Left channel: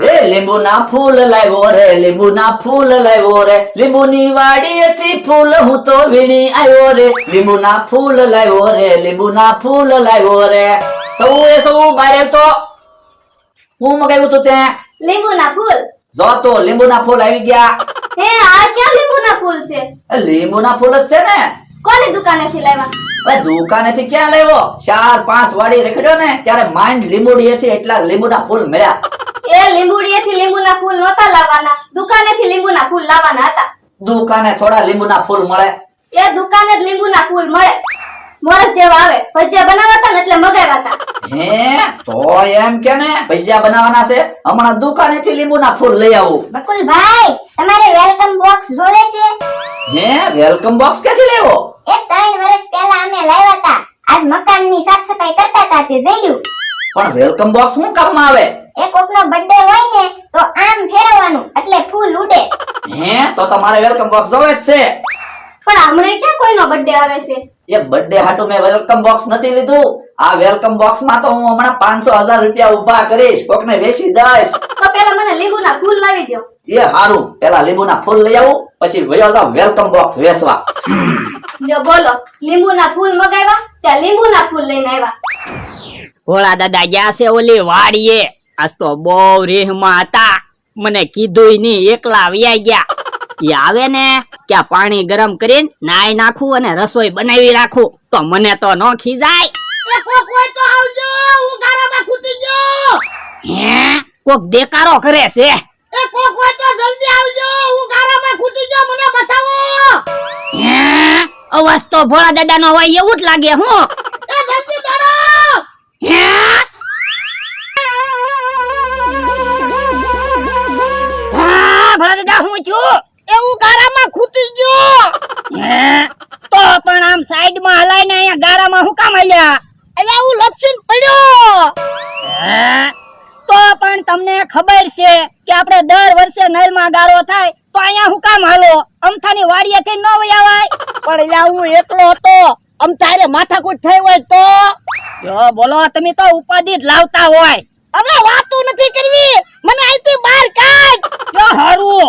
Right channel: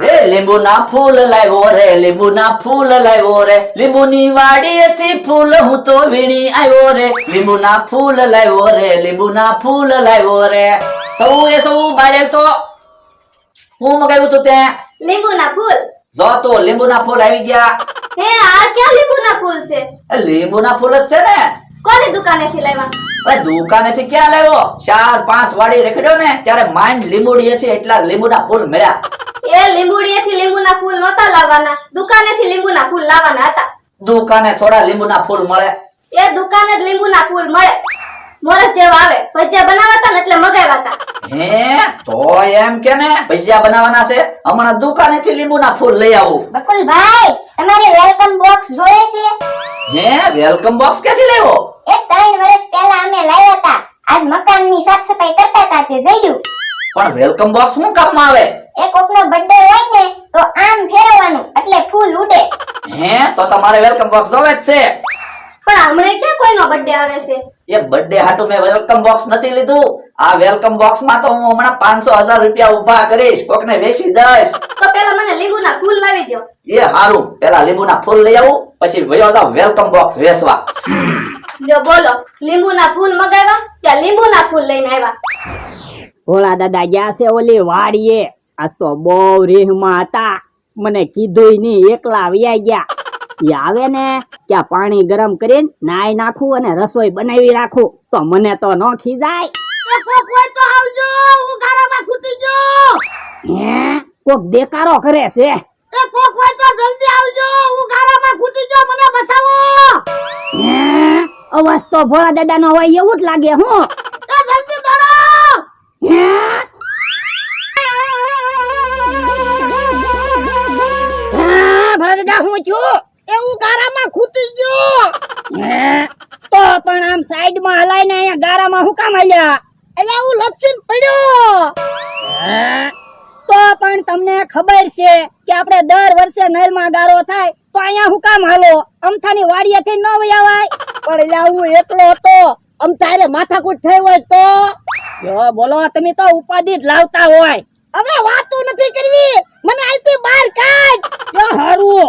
એ લીંબુના ફૂલ લાવ્યો રે, લીંબુના ફૂલ લાવ્યો રે, લીંબુની વાડીએથી ફૂલ હું તો વીણી આવ્યો રે, લીંબુના ફૂલ લાવ્યો રે, લીંબુના ફૂલ લાવ્યો રે. સૌ બારે તો હું મગાવ્યું તું તે લીંબુના ફૂલ. જો તો લીંબુના ફૂલ આવી ગયા. હે આ ક્યાં લીંબુના ફૂલ છે? એ લીંબુના ફૂલ જ છે ને. કોની દુકાનેથી લાવ્યા? ભાઈ દુકાનેથી ક્યાં લાવ્યો? 4-5 વાડી રેખડ્યો ને ત્યારે માંડ લીંબુડીએથી એટલા લીંબુના ફૂલ મળ્યા. એ લીંબુડીએથી લીંબુના ફૂલ નહોતા લાવવાના, દુકાનેથી લીંબુના ફૂલ લાવવાના હતા. દુકાને થોડા લીંબુના ફૂલ મળે? એ દુકાને જ લીંબુના ફૂલ મળે. મોરસ જેવા આવે, ભજીયા બનાવતા ને એટલે મગાવ્યા હતા. હે તો એમ કે ને ભજીયા બનાવવાના છે, હમણાં દુકાનેથી લીંબુના ફૂલ લઈ આવું. બકુલભાઈ, તમારે વેલકમ બોક્સ જોઈએ છે? હે વેલકમ બોક્સ ક્યાંથી લેવો? એ 3 વર્ષ પહેલા અમે લાવ્યા હતા. આજ મકાનની સાફ સફાઈ કરતા હતા તે જઈડ્યું. પણ વેલકમ બોક્સ શું કામમાં આવે? એ કોકનો બર્થડે હોય ને તો આમ ફેરવવાનું એટલે ફૂલ ઉડે. હે તો તમારે વેલકમ બોક્સ જોવે જ છે. પણ હમણાં ક્યાં કોઈનો બર્થડે આવે છે? એ બર્થડે હાટુ મેં વેલકમ બોક્સ નથી લીધું. આ વેલકમ બોક્સ માં તો હું હમણાં 500,000 રૂપિયા ઉભા કરીશ, કોકને વેચી દઈશ. તો પેલા મને લીંબુના ફૂલ લાવી દો. એ હારું, પેલા લીંબુના ફૂલ લઈ આવું, પછી વયો જાવ વેલકમ બોક્સ વેચવા. લ્યો બોલો, લીંબુના ફૂલ મગાવ્યા ત્યાં લીંબુના ફૂલ લઈને આવ્યા. ભોળા દાદા ગયા છે ઓલી વાડીએ. આજ તો બહુ રેહમાં હતા, મને કીધું નહીં, એકલા વ્યા ગયા. એ આવે ને ત્યાં પાણી ગરમ કરીને નાઈ નાખું અને રસોઈ બનાવી રાખું તો મને તો ન ખીજાય. હે કોક દેકારો કરે છે. હે અવાજ તો ભોળા દાદા નો હોય એવું જ લાગે. હું હે ભોળા દાદા હું છું એવું ગારામાં ખૂટી ગયો. તો પણ આમ સાઈડ માં હલાઈને અહીંયા ગારામાં હું કામ આલ્યા? એટલે હું લપસીને પડ્યો. તો પણ તમને ખબર છે કે આપણે દર વર્ષે નળમાં ગારો થાય તો અહીંયા હું કામ હાલો? અમથાની વાડીએથી ન વયાવાય? પણ અહીંયા હું એકલો હતો, અમથારે માથાકૂટ થઈ હોય તો? જો બોલો, તમે તો ઉપાધિ જ લાવતા હોય. હવે વાતો નથી કરવી, મને અહીંથી બહાર કાઢ. જો હારું.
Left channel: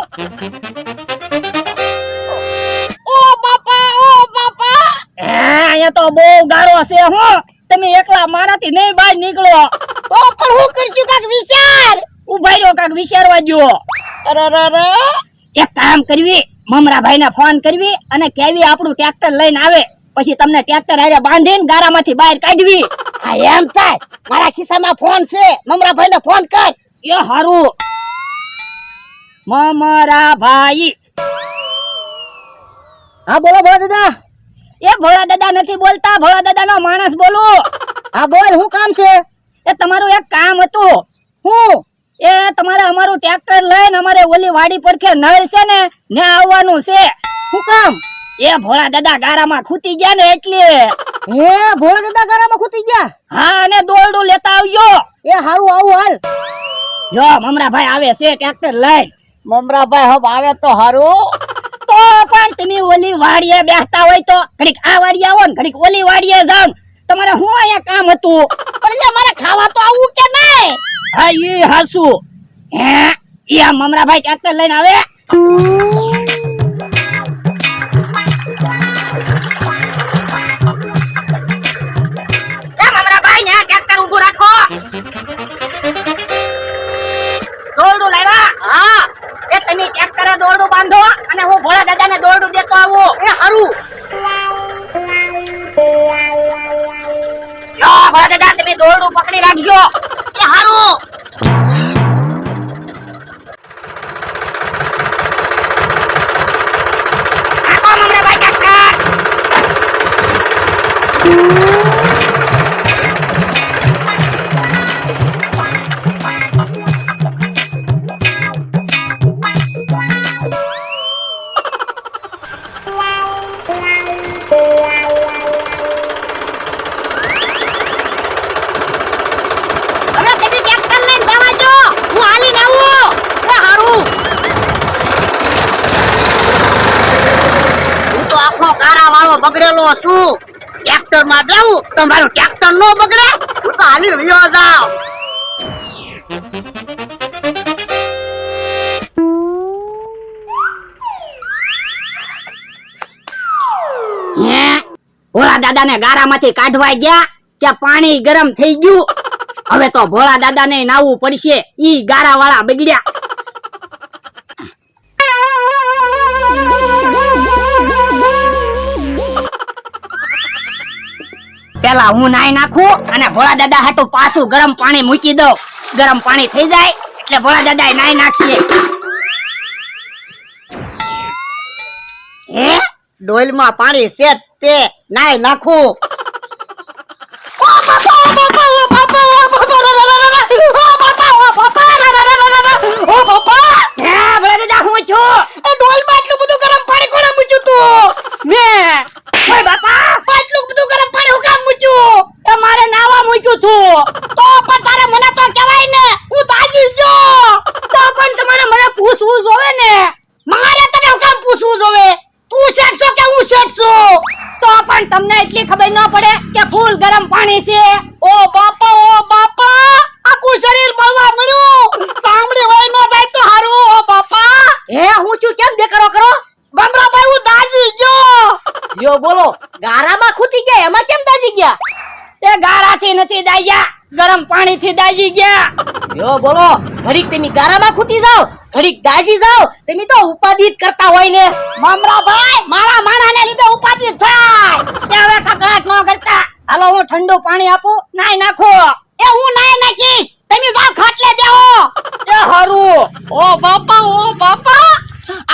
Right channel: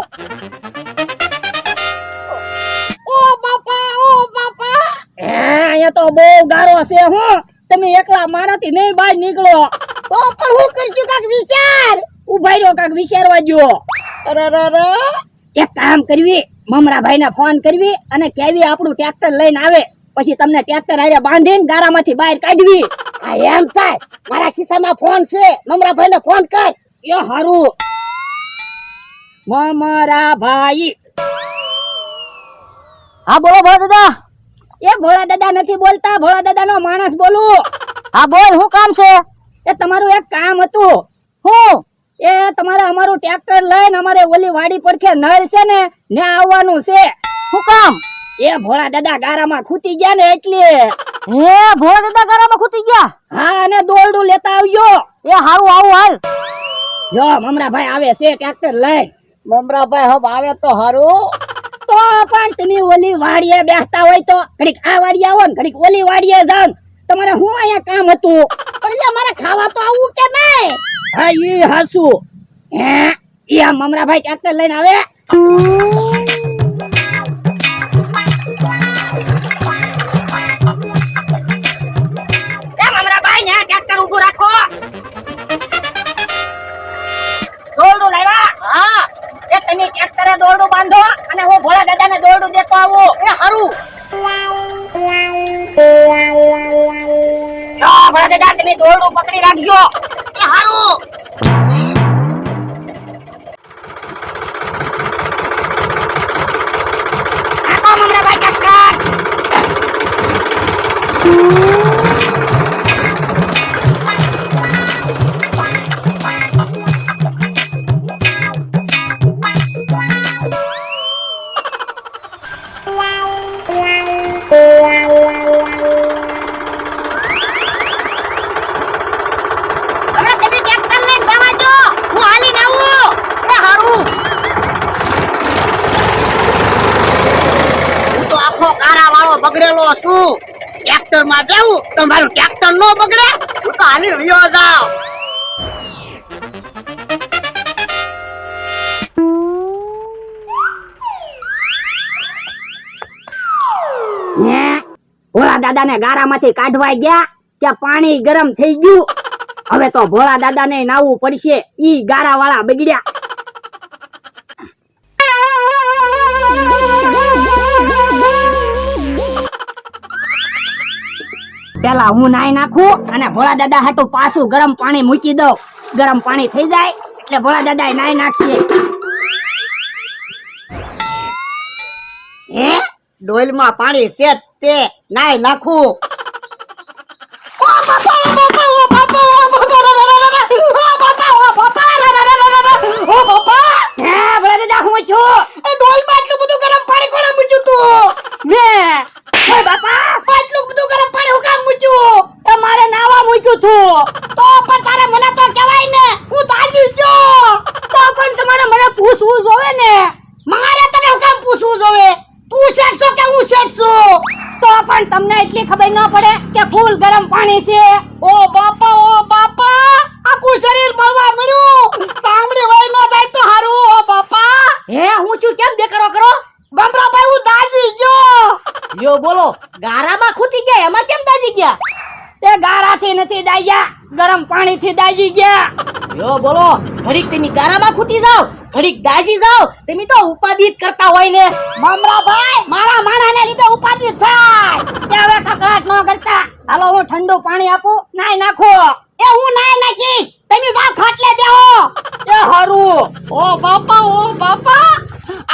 અહીંયા તો બહુ ગારો છે. હું તમે એકલા મારાથી નહીં બહાર નીકળો તો પણ હું કરશું? કાક વિચાર. ઉભા રહ્યો, કાક વિચારવા જો. અરે એક કામ કરવી, મમરાભાઈ ને ફોન કરવી અને કેવી આપણું ટ્રેક્ટર લઈને આવે, પછી તમને ટ્રેક્ટર હારે બાંધીને ગારામાંથી બહાર કાઢવી. હા એમ થાય. મારા ખિસ્સામાં ફોન છે, મમરાભાઈ ને ફોન કર. એ હારું. મમરાભાઈ. હા બોલો ભોળા દાદા. એ ભોળા દાદા નથી બોલતા, ભોળા દાદા નો માણસ બોલું. હા બોલ, શું કામ છે? એ તમારું એક કામ હતું. હું? એ તમારે અમારું ટ્રેક્ટર લઈને અમારે ઓલી વાડી પરખે નળ છે ને ત્યાં આવવાનું છે. શું કામ? એ ભોળા દાદા ગારામાં ખૂટી ગયા ને એટલે. હે ભોળા દાદા ગારામાં ખૂટી ગયા? હા, અને દોરડું લેતા આવજો. એ હારું, આવું હાલ. જો મમરાભાઈ આવે છે ટ્રેક્ટર લઈને. મમરાભાઈ હબ આવે તો હારું. તો પણ તમે ઓલી વાડીએ બેસતા હોય તો ઘડીક આ વાડીએ આવો ને ઘડીક ઓલી વાડીએ જાવ. તમારે શું અહીંયા કામ હતું? એટલે મારે ખાવા તો આવું કે નહીં? હા ઈ હાસુ. હે ઈ આ મમરાભાઈ ટ્રેક્ટર લઈને આવે. એ મમરાભાઈ ને ટ્રેક્ટર ઊભું રાખો. દોરડું લાવ્યા? હા. એ તમે ટ્રેક્ટરે દોરડું બાંધો અને હું ભોળા દાદાને દોરડું દેતો આવું. એ હારું. ભોળા દાદા તમે દોરડું પકડી રાખજો. એ હારું. બગડેલો છું, ટ્રેક્ટર માં બેહું તો મારું ટ્રેક્ટર નો બગડે. હું તો હાલી રહ્યો જાવ. દાદાને ગારામાંથી કાઢવા ગયા કે પાણી ગરમ થઈ ગયું. હવે તો ભોળા દાદાને નાવું પડશે, ઈ ગારા વાળા બગડ્યા. પેલા હું નાઈ નાખું અને ભોળા દાદા હાટું પાછું ગરમ પાણી મૂકી દઉં. ગરમ પાણી થઈ જાય એટલે ભોળા દાદા નાઈ નાખશે. હે ડોલમાં પાણી છે જ તે નાય નાખું. હે ભોળા દાદા હું છું? ડોલમાં એટલું બધું ગરમ પાણી કોણે મૂક્યું તું? મેં. ઓય બાપા, એટલું બધું ગરમ પાણી હું કામ મૂક્યું? એ મારે નાવા મૂક્યું તું. તો પણ તારે મને તો કહેવાય ને, હું દાજી ગયો. તો પણ તમારે મને પૂછવું જોવે ને. મારે તને હું કામ પૂછવું જોવે? તું શેઠ છો કે હું શેઠ છું? તો પણ તમને એટલી ખબર ન પડે કે ફૂલ ગરમ પાણી છે. ઓ બાપા, આખું શરીર બળવા મળ્યું. સાંભળી હોય ન જાય તો હારું. ઓ બાપા, હે હું છું કેમ દેખાડો કરો? બમરાભાઈ હું દાજી ગયો. યો બોલો, ગારામાં ખૂટી ગયા એમાં કેમ દાજી ગયા? તે ગારાથી નથી દાજ્યા, ગરમ પાણીથી દાજી ગયા. યો બોલો, ઘડીક તમે ગારામાં ખૂટી જાવ, ઘડીક દાજી જાવ, તમે તો ઉપાધિ જ કરતા હોય ને. બમરાભાઈ, મારા માણાને લીધે ઉપાધિ થાય. ત્યારે કકડાટ ન કરતા. હાલો હું ઠંડુ પાણી આપું, નાઈ નાખો. એ હું નાય નાખીશ, તમે તો ખાટલે બેહો. એ હારું. ઓ બાપા,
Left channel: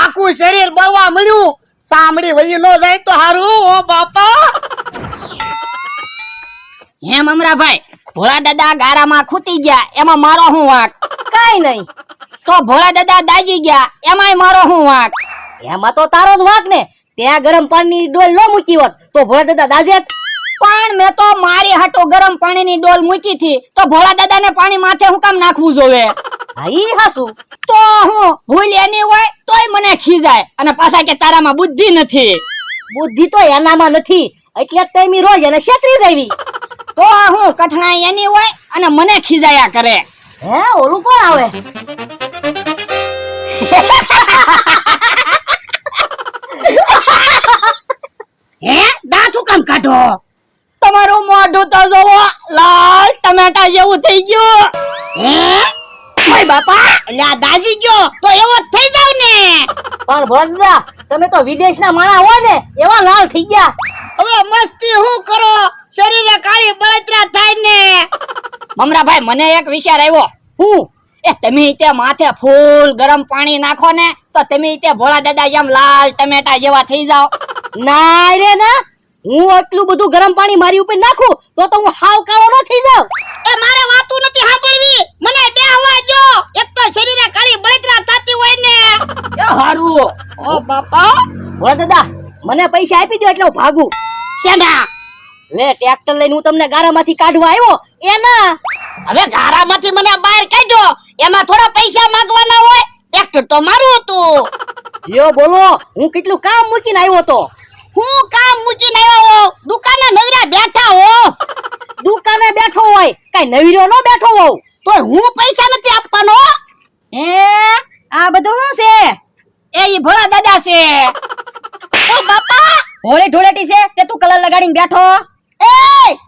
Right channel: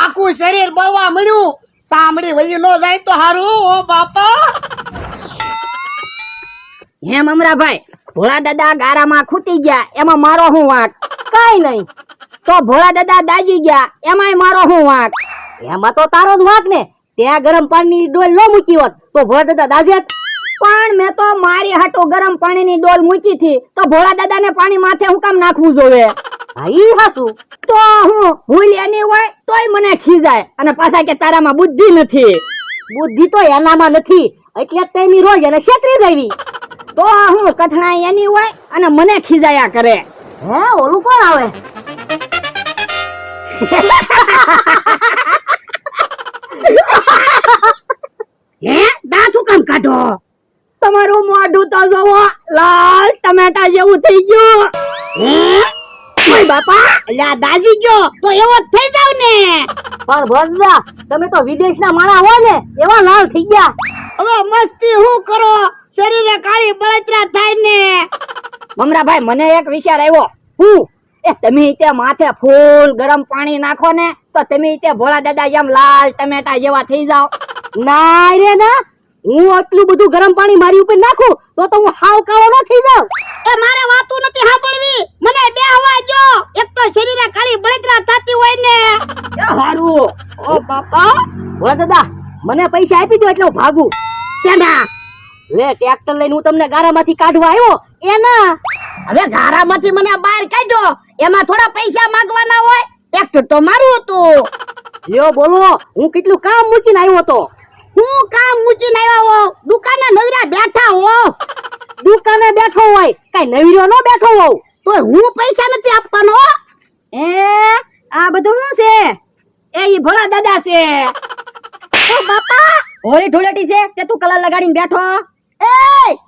આખું શરીર બળવા મળ્યું. સાંભળી વળી ન જાય તો હારું. ઓ બાપા, હે મમરાભાઈ, ભોળા દાદા ગારામાં ખૂટી ગયા એમાં મારો શું વાંક? કાઈ નહીં. તો ભોળા દાદા દાજી ગયા એમાંય મારો શું વાંક? એમાં તો તારો જ વાંક ને. ત્યાં ગરમ પાણીની ડોલ ન મૂકી હોત તો ભોળા દાદા દાજે જ. પણ મેં તો મારી હાટો ગરમ પાણીની ડોલ મૂકી થી તો ભોળા દાદાને પાણી માથે હું કામ નાખવું જોવે? ઈ હાસું. તો હું ભૂલ એની હોય તોય મને ખીજાય અને પાછા કે તારામાં બુદ્ધિ નથી. બુદ્ધિ તો એનામાં નથી એટલે જ તેમી રોજ એને છેતરી દેવી. તો હું કઠણાઈ એની હોય અને મને ખીજાયા કરે. હે ઓલું કોણ આવે? હે દાંત હું કામ કાઢો? તમારું મોઢું તો જોવો, લાલ ટમેટા જેવું થઈ ગયું. હે ઓય બાપા, અલ્યા દાજી ગયો તો એવો જ થઈ જાવ ને. પણ ભોળા તમે તો વિદેશના માણા હોય ને એવા લાલ થઈ ગયા. હવે મસ્તી હું કરો? શરીરે કાળી બળતરા થાય ને. મમરાભાઈ મને એક વિચાર આવ્યો. હું એ તમે તે માથે ફૂલ ગરમ પાણી નાખો ને તો તમે તે ભોળા દાદા જેમ લાલ ટમેટા જેવા થઈ જાવ. ના રે ના, હું આટલું બધું ગરમ પાણી મારી ઉપર નાખું તો હું હાવ કાળો ન થઈ જાવ. એ મારે વાતું નથી સાંભળવી, મને બે અવાજ જો. એક તો શરીરે કાળી બળતરા થતી હોય ને. એ હારું. ઓ બાપા, ભોળા દાદા મને પૈસા આપી દો એટલે હું ભાગું. શેના? લે ટ્રેક્ટર લઈને હું તમને ગારામાંથી કાઢવા આવ્યો એના. હવે ગારામાંથી મને બહાર કાઢ્યો, એમાં થોડા પૈસા માંગવાના હોય. ટ્રેક્ટર તો મારું હતું. યો બોલો, હું કેટલું કામ મૂકીને આવ્યો તો. હું કામ મૂકીને આવ્યા હો? દુકાને નવરા બેઠા હો. દુકાને બેઠો હોય કઈ નવીરો નો બેઠો હોવ તો હું પૈસા નથી આપવાનો. એ આ બધું શું છે? એ ઈ ભોળા દાદા છે. ઓ બાપા, હોળી ધૂળેટી છે કે તું કલર લગાડીને બેઠો? એ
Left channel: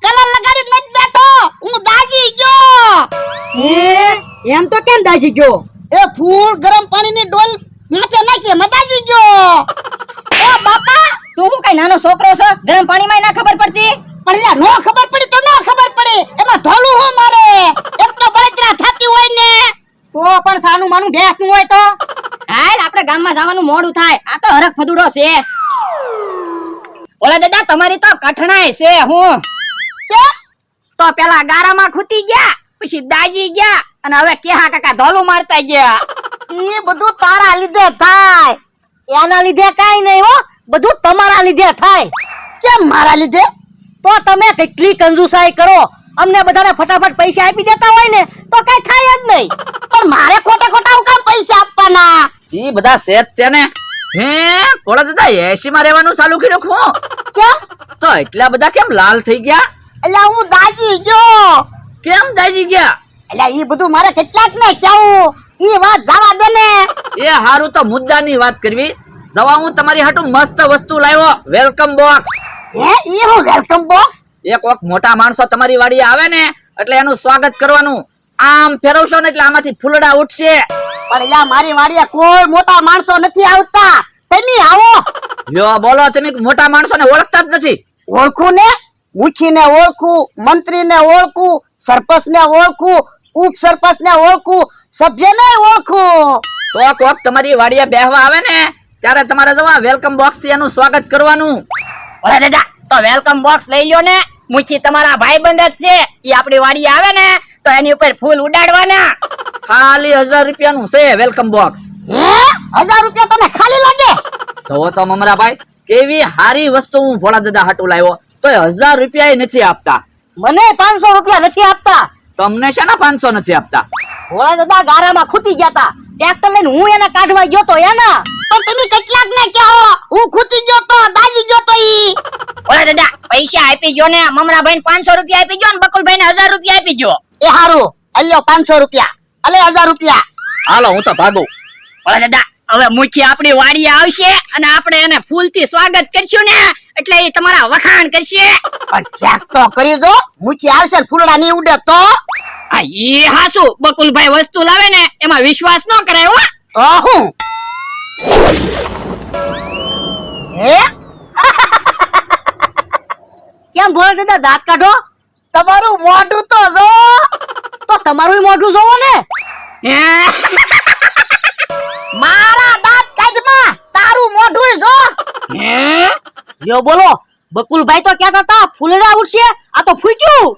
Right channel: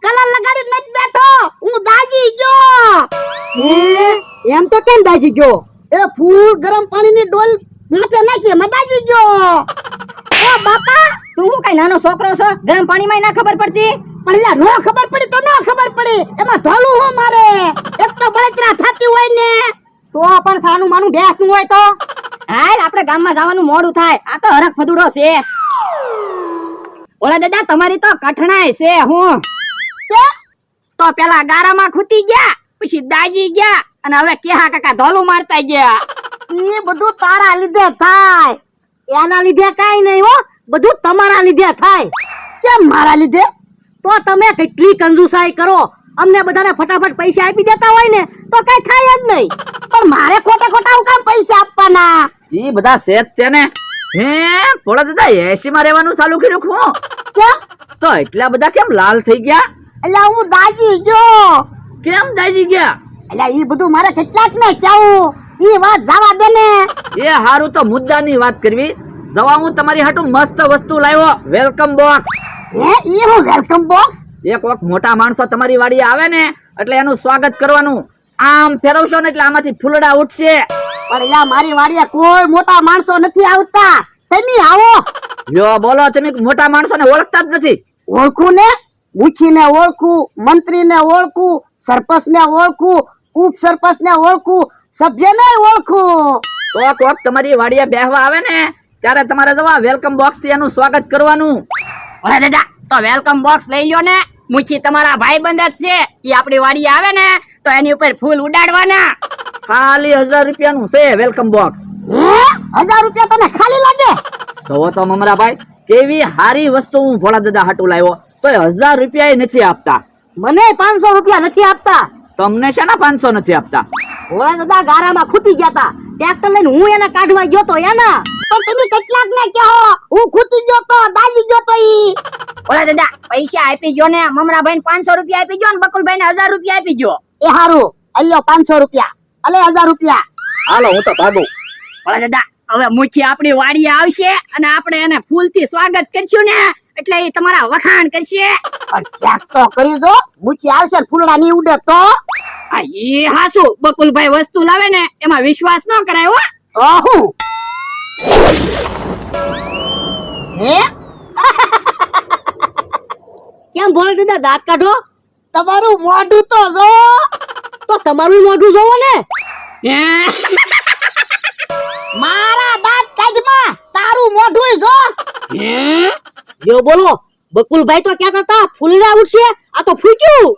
કલર લગાડી નથી બેઠો, હું દાજી ગયો. એમ તો કેમ દાજી ગયો? એ ફૂલ ગરમ પાણીની ડોલ માથે નાખી એમાં દાજી ગયો. ઓ બાપા, તું હું કઈ નાનો છોકરો છો? ગરમ પાણીમાં ના ખબર પડતી? પણ યાર નો ખબર પડી તો નો ખબર પડી, એમાં ધોલું હું મારે. એક તો બળતરા થતી હોય ને. તો પણ સાનું માનું બેસનું હોય તો હાલ આપણે ગામમાં જવાનું મોડું થાય. આ તો હરખ ફદુડો છે. ઓલા દાદા તમારી તો કઠણાઈ છે. હું કેમ? તો પેલા ગારામાં ખૂટી ગયા, પછી દાજી ગયા અને હવે કેહા કાકા ધોલું મારતા ગયા. એ બધું તારા લીધે થાય. એના લીધે કાઈ નહીં હો, બધું તમારા લીધે થાય. કેમ મારા લીધે? તો તમે કેટલી કંજુસાઈ કરો, અમને બધાને ફટાફટ પૈસા આપી દેતા હોય ને તો કઈ થાય જ નહીં. પણ મારે ખોટા ખોટા હું કામ પૈસા આપવાના? ઈ બધા સેટ છે ને. હે ભોળા દાદા 80 માં રહેવાનું ચાલુ કર્યું હું? કેમ? તો એટલા બધા કેમ લાલ થઈ ગયા? એટલે હું દાજી ગયો. કેમ દાજી ગયા? એટલે ઈ બધું મારે કેટલાક ને કેવું, ઈ વાત જવા દે ને. એ હારું તો મુદ્દાની વાત કરવી. જવા હું તમારી હાટુ મસ્ત વસ્તુ લાવ્યો, વેલકમ બોક્સ. હે ઈ હું વેલકમ બોક્સ? એક વખત મોટા માણસો તમારી વાડીએ આવે ને એટલે એનું સ્વાગત કરવાનું. આમ ફેરવશો ને એટલે આમાંથી ફૂલડા ઉઠશે. પણ એલા મારી વાડીએ કોઈ મોટા માણસો નથી આવતા. તમે આવો. લ્યો બોલો, તમે મોટા માણસોને ઓળખતા જ નથી. ઓળખું ને, મુખીને ઓળખું, મંત્રીને ઓળખું, સરપંચને ઓળખું, ઉપસરપંચને ઓળખું, સભ્યને ઓળખું. તો કોક તમારી વાડીએ બેહવા આવે ને ત્યારે તમારે જવા વેલકમ બોક્સ થી એનું સ્વાગત કરવાનું. અરે દાદા તો વેલકમ બોક્સ લઈ લ્યો ને. મુખી તમારા ભાઈબંધ જ છે. ઈ આપણી વાડીએ આવે ને તો એની ઉપર ફૂલ ઉડાડવાના. ખાલી 1000 રૂપિયાનું છે વેલકમ બોક્સ. હે 1000 રૂપિયા તને ખાલી લાગે? તો તો મમરાભાઈ કેવી હારી વસ્તુ હું ભોળા દાદા હાટુ લાવ્યો તો 1000 રૂપિયા નથી આપતા. મને 500 રૂપિયા નથી આપતા. તમને શેના 500 નથી આપતા? ઓય દાદા ગારામાં ખૂટી ગયા તા. ટ્રેક્ટર લઈને હું એને કાઢવા ગયો તો એના. પણ તમે કેટલાક ને કહો હું ખૂટી ગયો તો દાજી ગયો તો ઈ. ઓય દાદા પૈસા આપી ગયો ને. મમરાભાઈ ને 500 રૂપિયા આપી ગયો ને બકુલભાઈ ને 1000 રૂપિયા આપી ગયો. એ હારું અલ્યો 500 રૂપિયા અલે 1000 રૂપિયા. હાલો હું તો ભાગું. ઓય દાદા હવે મુખી આપણી વાડીએ આવશે અને આપણે એને ફૂલથી સ્વાગત કરશું ને એટલે એ તમારા વખાણ કરશે. પણ ચેક તો કરી દો. મુખી આવશે ને ફૂલડા ની ઉડે તો. આ ઈ હાસુ બકુલભાઈ વસ્તુ લાવે ને એમાં વિશ્વાસ ન કરાય હો. ઓહું હે કેમ બોલ દાદા દાંત કાઢો? તમારું મોઢું તો જો. તો તમારું મોઢું જોવો ને. મારા દાંત કાઢમાં તારું મોઢું જો. જો બોલો બકુલભાઈ તો કહેતા હતા ફૂલડા ઉડશે આ તો ફૂટ્યું.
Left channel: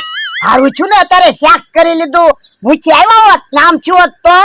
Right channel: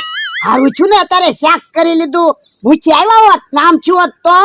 હારું છું ને અત્યારે શાક કરી લીધું. મુખી આવ્યા હોત નામ છું હોત તો